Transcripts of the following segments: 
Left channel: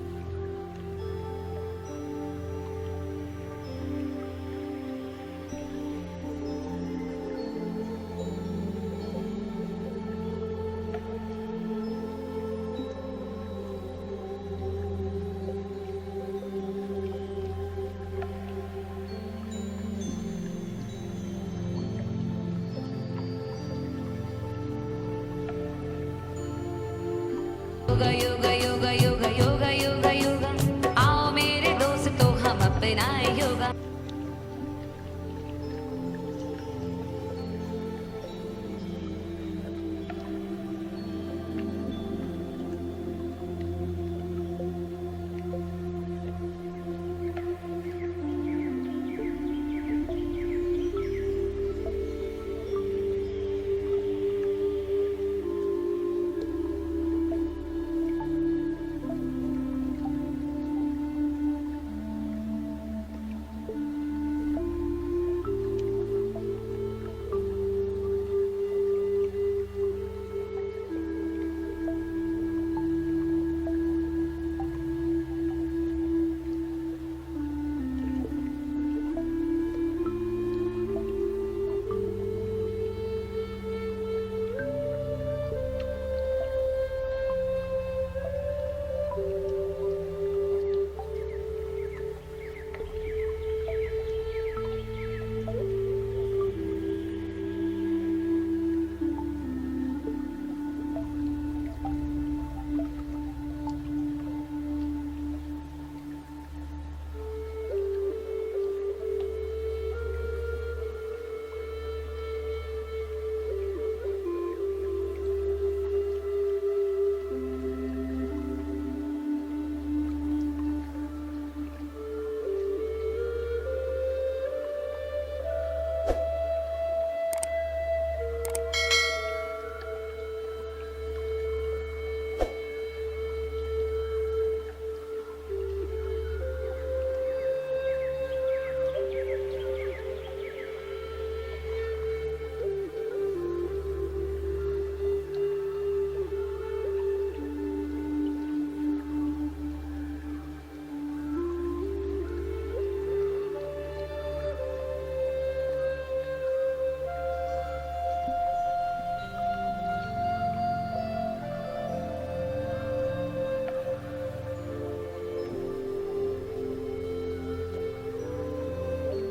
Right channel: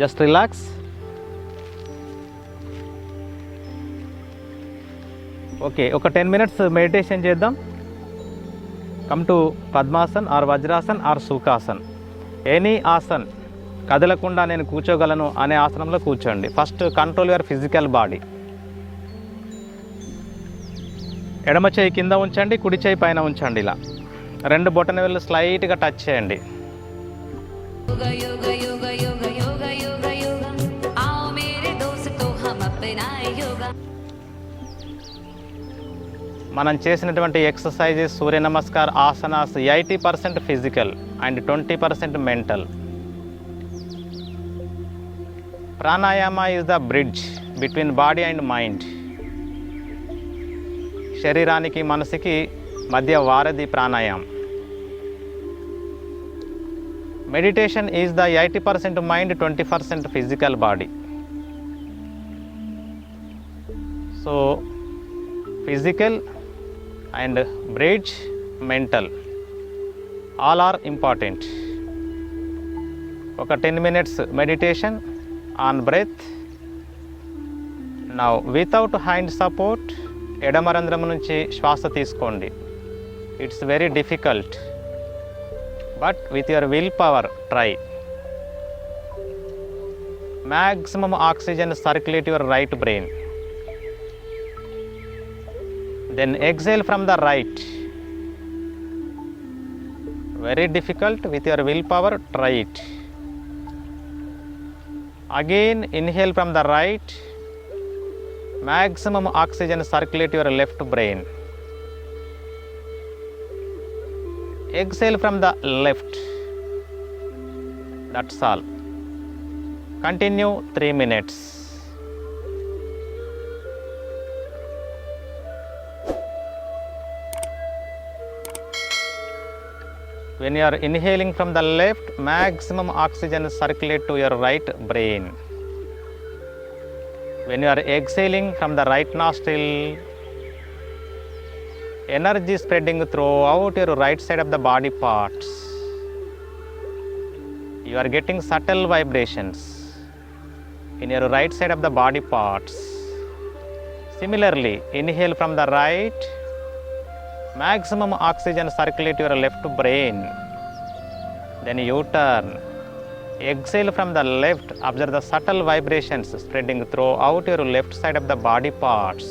Just relax. Okay, ఒక 10 minutes meditation చేద్దాం. Come to Padmasan or Vajrasan or Sukhasan, any asan. కదలకుండా నేను కూర్చోగలను అనే ఆసనంలో కూర్చోండి. First control your physical body. ఎడమ చేయి కింద ఉంచండి, కుడి చేయి పైన ఉంచండి. ఇలా 2 బొటన వేళ్ళు స్లైట్గా టచ్ చేయండి. మనం చేసినటువంటి ఎక్సర్సైజెస్, సూర్య నమస్కార్, ఆసనాస్ 80% ఫిజికల్ అండ్ 20% మెంటల్. Pranayama is the bridge between body and mind. శరీరానికి మనసుకి మధ్య వారధి ప్రాణాయామం. మెడిటేషన్ ఈజ్ ద 80% మైండ్, 20% physical body. So physical and bridge mental all are important. ఒక 10 minutes meditation on breath. Now without hand support, ఎడమరంధ్రం నుంచి శ్వాస తీసుకోండి. It's very difficult, but with your willpower try. Maximum oxygen circulate your right brain. Then exhale from the right. Very difficult, with your willpower try it. Again inhale from the right. Maximum oxygen circulate your left brain. Exhale from the left. That's all. Continue 3 minutes. When you are inhaling from the left, maximum oxygen circulate to your right brain. When you are exhaling from the right nostril, energy spreading throughout your right side of the body parts. You are getting subtle vibrations in your right side of the body parts. Similarly, inhale from the right. Maximum oxygen circulate your left brain. Then you turn. Exhale from the left. Observe the subtle vibrations spreading throughout your left side of the body parts.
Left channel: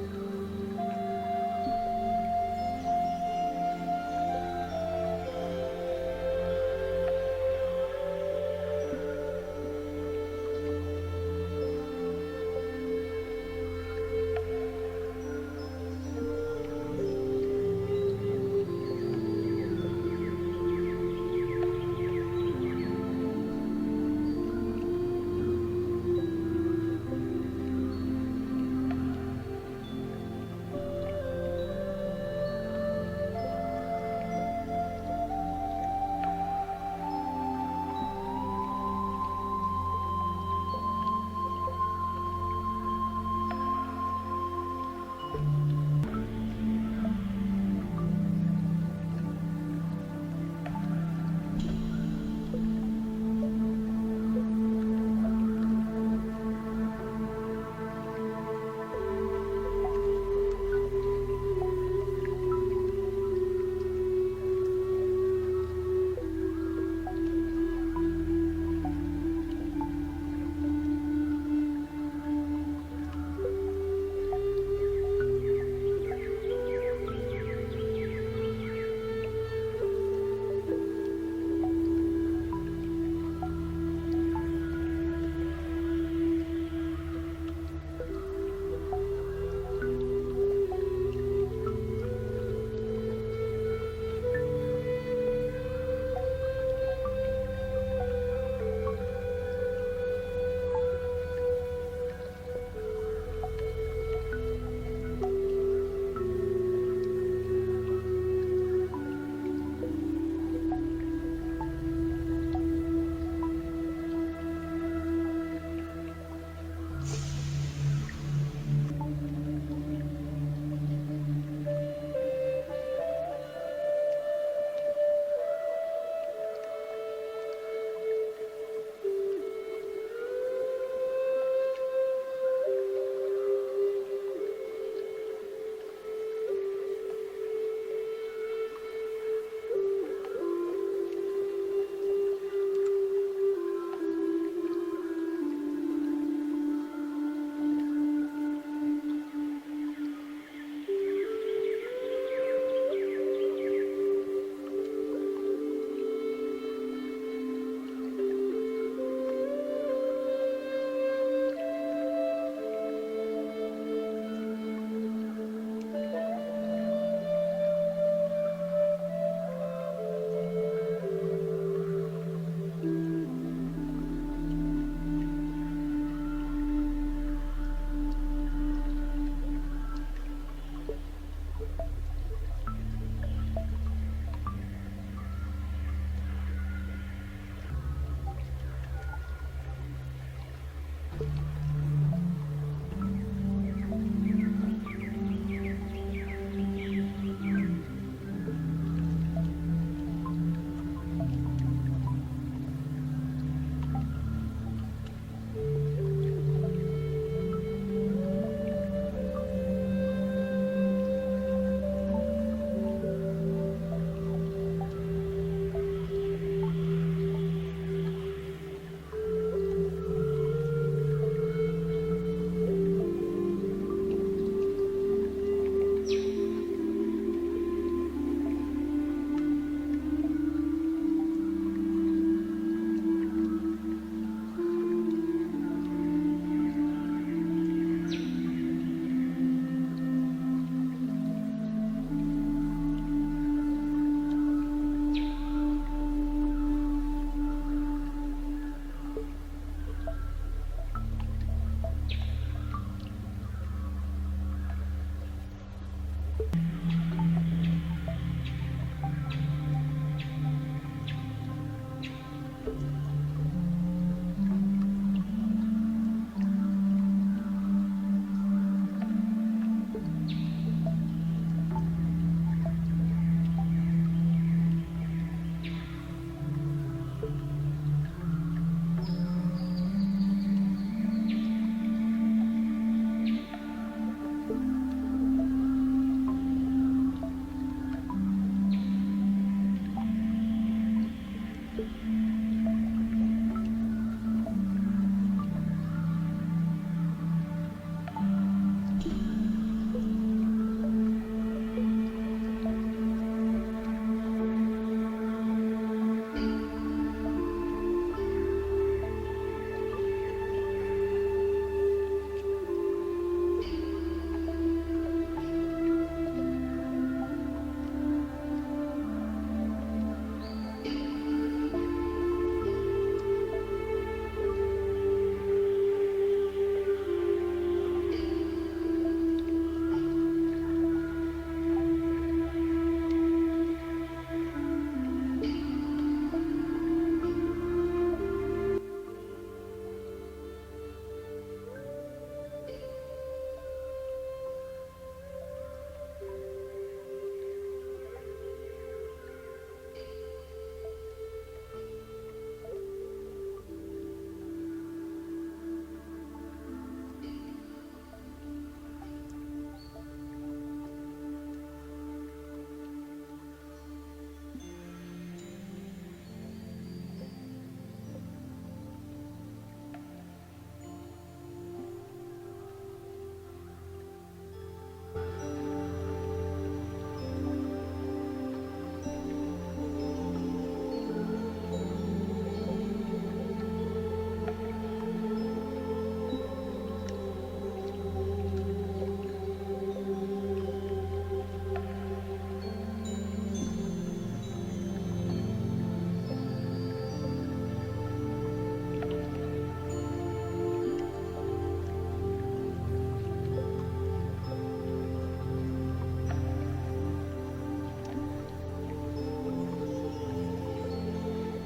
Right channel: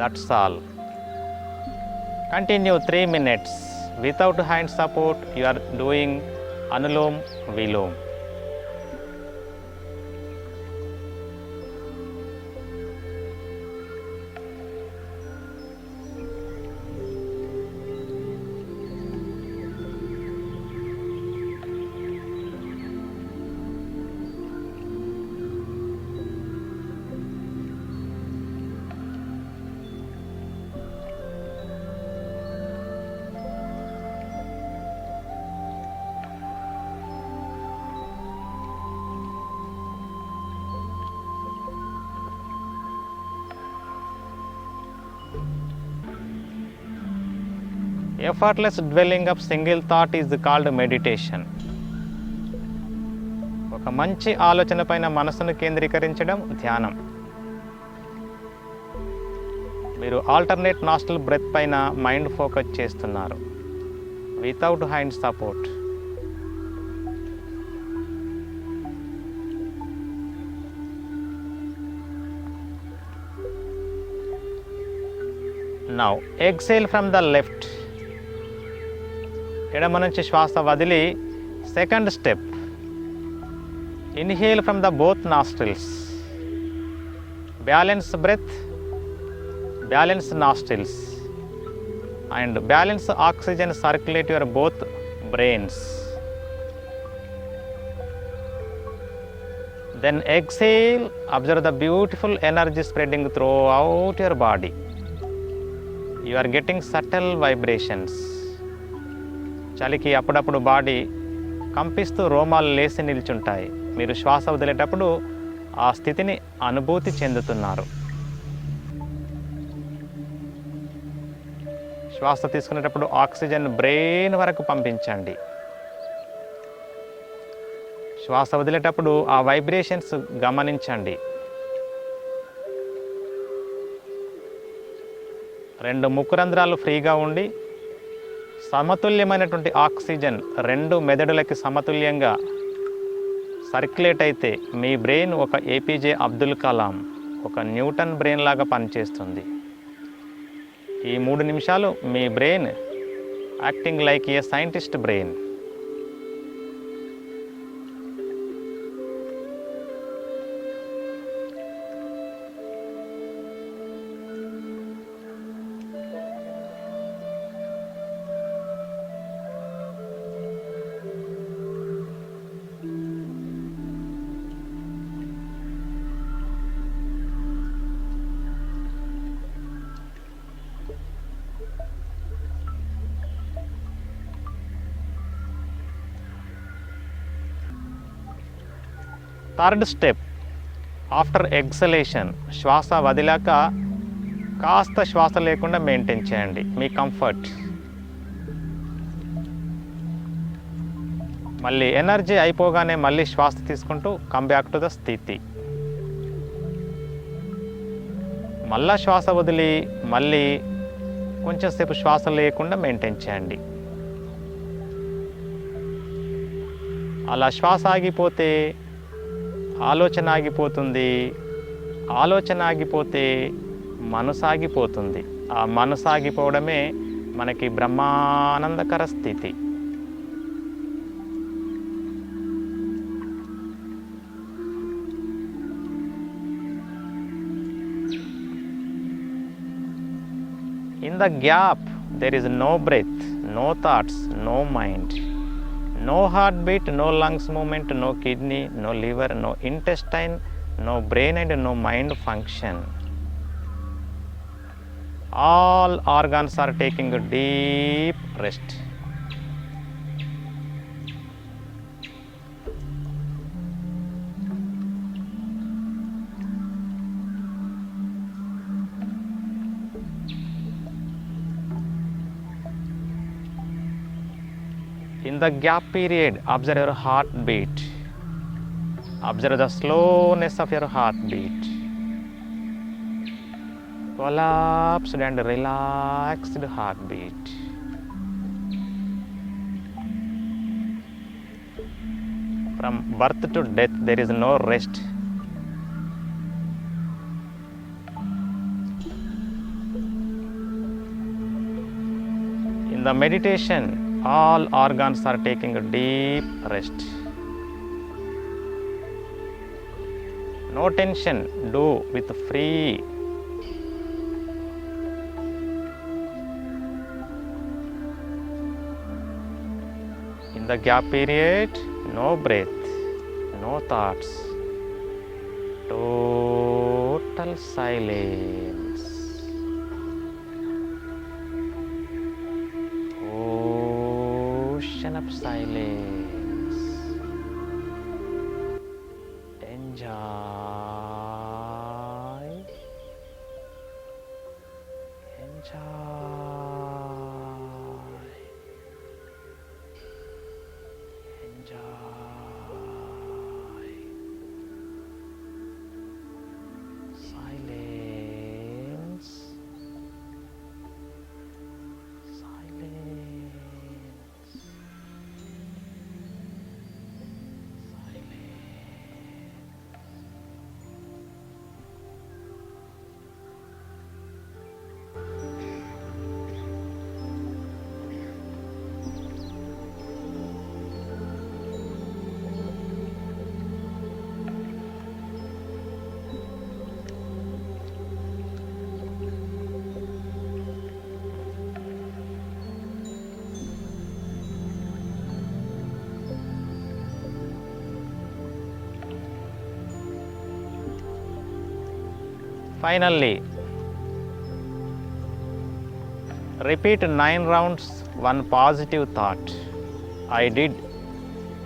That's all. Continue 3 minutes. Without hand support, you are doing Anulom Vilom. Effortless dwelling of single thought is called meditation. ఒక మంచి ఆలోచన పైన మనసును కేంద్రీకరించడం ధ్యానం. మీరు alternate nostril breath పైన mind focus చేస్తున్నారు without hand support. Now exhale from the left. ఎడమ నుంచి శ్వాస వదిలి second step. Inhale from the both nostrils. Balance breath, balance nostrils and balance oxygen circulate your both brains. Then exhale. Observe the beautiful energy spreading throughout your body. You are getting subtle vibrations. చలికి అప్పుడప్పుడు బాడీ కంపిస్తూ రోమాలు లేసి నిల్చుంటాయి. మీరు శ్వాస వదిలేటప్పుడు ఆ స్థితిని అనుభూతి చెందుతున్నారు. శ్వాస తీసుకునేటప్పుడు ఆక్సిజన్ బ్రెయిన్ వరకు పంపించండి. శ్వాస వదిలేటప్పుడు ఆ వైబ్రేషన్స్ గమనించండి. 2 ముక్కు రంధ్రాలు ఫ్రీగా ఉండి సమతుల్యమైనటువంటి ఆక్సిజన్ 2 మెదడులకి సమతుల్యంగా సర్క్యులేట్ అయితే మీ బ్రెయిన్ ఒక ఏపీజే అబ్దుల్ కలాం, ఒక న్యూటన్ బ్రెయిన్ లాగా పనిచేస్తుంది. ఈ 3 నిమిషాలు మీ brain acting like a scientist brain. Third step, after exhalation, శ్వాస వదిలాక కాస్త శ్వాస లేకుండా మెయింటైన్ చేయండి మీ కంఫర్ట్. మళ్ళీ ఎనర్జీ అయిపోగానే మళ్ళీ శ్వాస తీసుకుంటూ కమ్ బ్యాక్ టు ద స్థితి. మళ్ళా శ్వాస వదిలి మళ్ళీ కొంచెంసేపు శ్వాస లేకుండా మెయింటైన్ చేయండి. అలా శ్వాస ఆగిపోతే ఆలోచన ఆగిపోతుంది, ఆలోచన ఆగిపోతే మనసు ఆగిపోతుంది. ఆ మనసు ఆగిపోవడమే మనకి బ్రహ్మానందకర స్థితి. In the gap, there is no breath, no thoughts, no mind. No heartbeat, no lungs movement, no kidney, no liver, no intestine, no brain and no mind function. All organs are taking a deep rest. In the gap period, observe your heartbeat. Observe the slowness of your heartbeat. Collapsed and relaxed heartbeat. From birth to death, there is no rest. In the meditation, all organs are taking a deep rest. No tension, do with free. In the gap period, no breath, no thoughts, total silence. Of silence. Enjoy. Silence. Finally, repeat 9 rounds, one positive thought. I did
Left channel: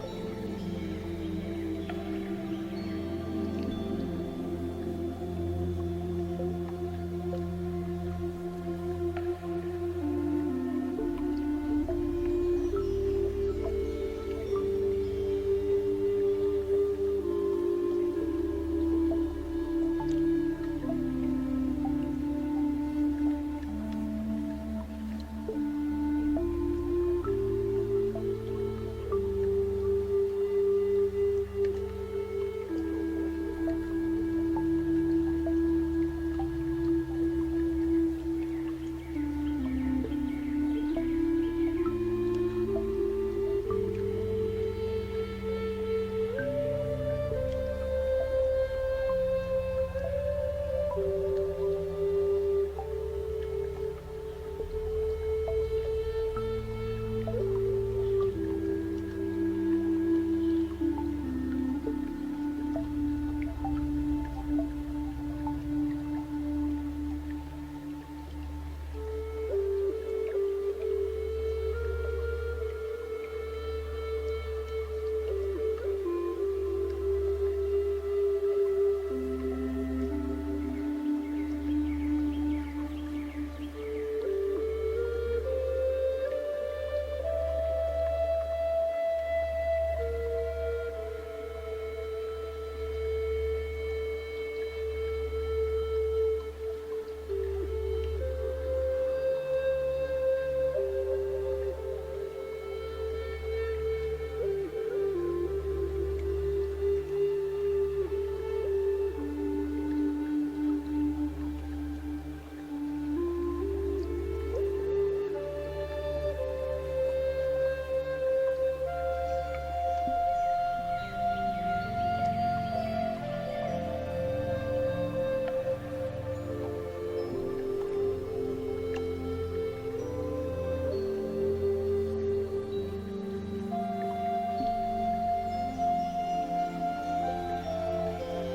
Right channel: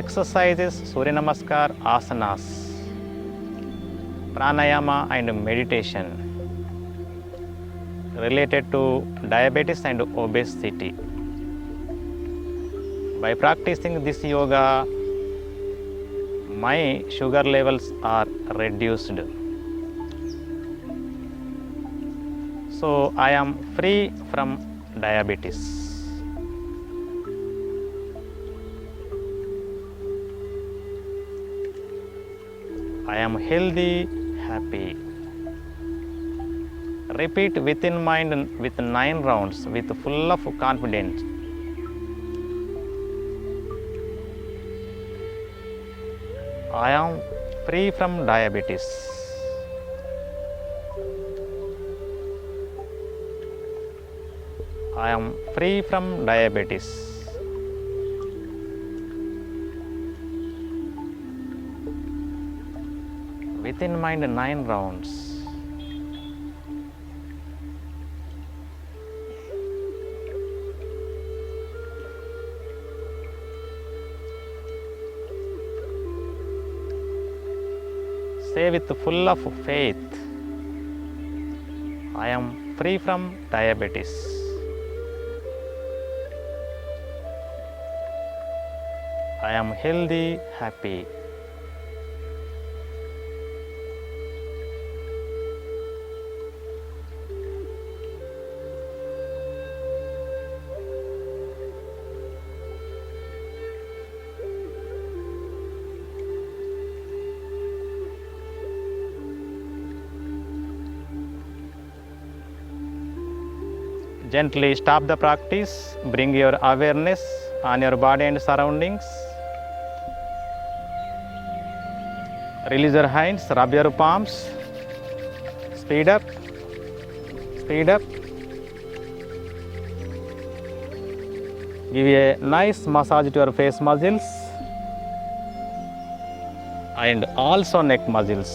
exercises, Surya Namaskar, asanas, pranayama and meditation related to diabetes and obesity. By practicing this yoga, My sugar levels are reduced. So I am free from diabetes. I am healthy, happy. Repeat within mind with 9 rounds with full of confidence. I am free from diabetes. I am free from diabetes. Within mind 9 rounds. Say with full of faith, I am free from diabetes. I am healthy, happy. Gently stop the practice, bring your awareness on your body and surroundings. Release your hands, rub your palms, speed up, speed up. Give a nice massage to your face muscles and also neck muscles.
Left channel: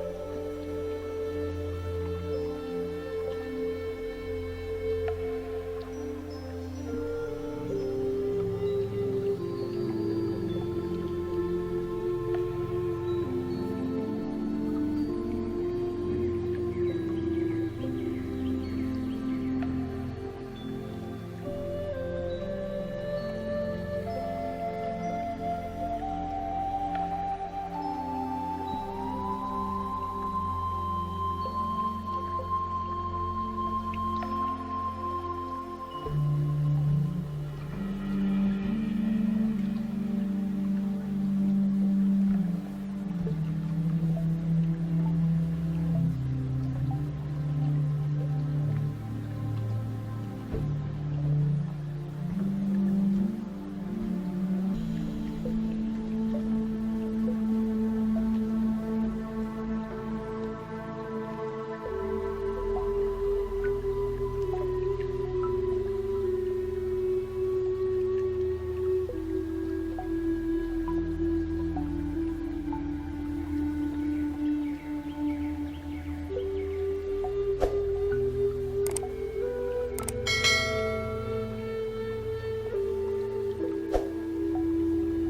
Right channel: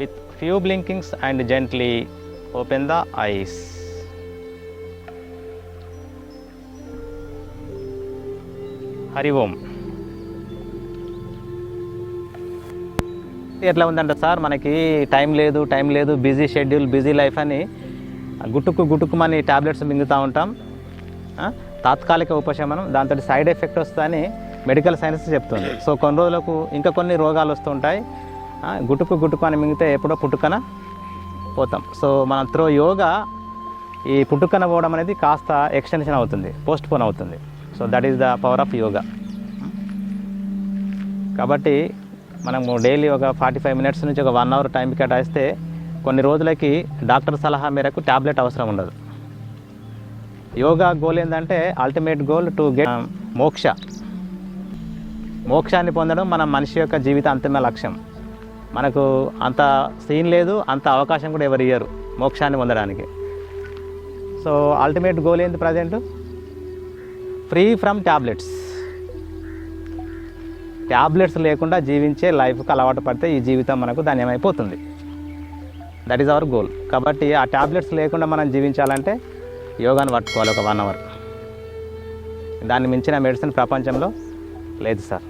With few blinkings and gently open the eyes. Hari Om. ఎట్లా ఉందంటే సార్ మనకి టైం లేదు busy schedule busy life అని గుట్టుకుమని ట్యాబ్లెట్స్ మింగుతూ ఉంటాం. తాత్కాలిక ఉపశమనం, దాంతో సైడ్ ఎఫెక్ట్ వస్తుందని మెడికల్ సైన్స్ చెప్తుంది. సో కొన్ని రోజులకు ఇంకా కొన్ని రోగాలు వస్తుంటాయి. గుట్టుకు అని మింగితే ఎప్పుడో పుట్టుకన పోతాం. సో మనం త్రో యోగా ఈ పుట్టుకన పోవడం అనేది కాస్త ఎక్స్టెన్షన్ అవుతుంది, పోస్ట్ పోన్ అవుతుంది. So that is the power of yoga. కాబట్టి మనము డైలీ ఒక 45 మినిట్స్ నుంచి ఒక 1 అవర్ టైం కేటాయిస్తే కొన్ని రోజులకి డాక్టర్ సలహా మేరకు ట్యాబ్లెట్ అవసరం ఉండదు. యోగా గోల్ ఏంటంటే అల్టిమేట్ గోల్ టు గెట్ మోక్షాన్ని పొందడం మన మనిషి యొక్క జీవిత అంతిమ లక్ష్యం. మనకు అంత సీన్ లేదు, అంత అవకాశం కూడా ఎవరు ఇయ్యరు మోక్షాన్ని పొందడానికి. సో అల్టిమేట్ గోల్ ఏంటి ప్రజెంట్? ఫ్రీ ఫ్రమ్ ట్యాబ్లెట్స్ లేకుండా జీవించే లైఫ్కి అలవాటు పడితే ఈ జీవితం మనకు ధన్యమైపోతుంది. That is our goal. కాబట్టి ఆ ట్యాబ్లెట్స్ లేకుండా మనం జీవించాలంటే యోగాను పట్టుకోవాలి ఒక 1 అవర్. దాన్ని మించిన మెడిసిన్ ప్రపంచంలో లేదు సార్.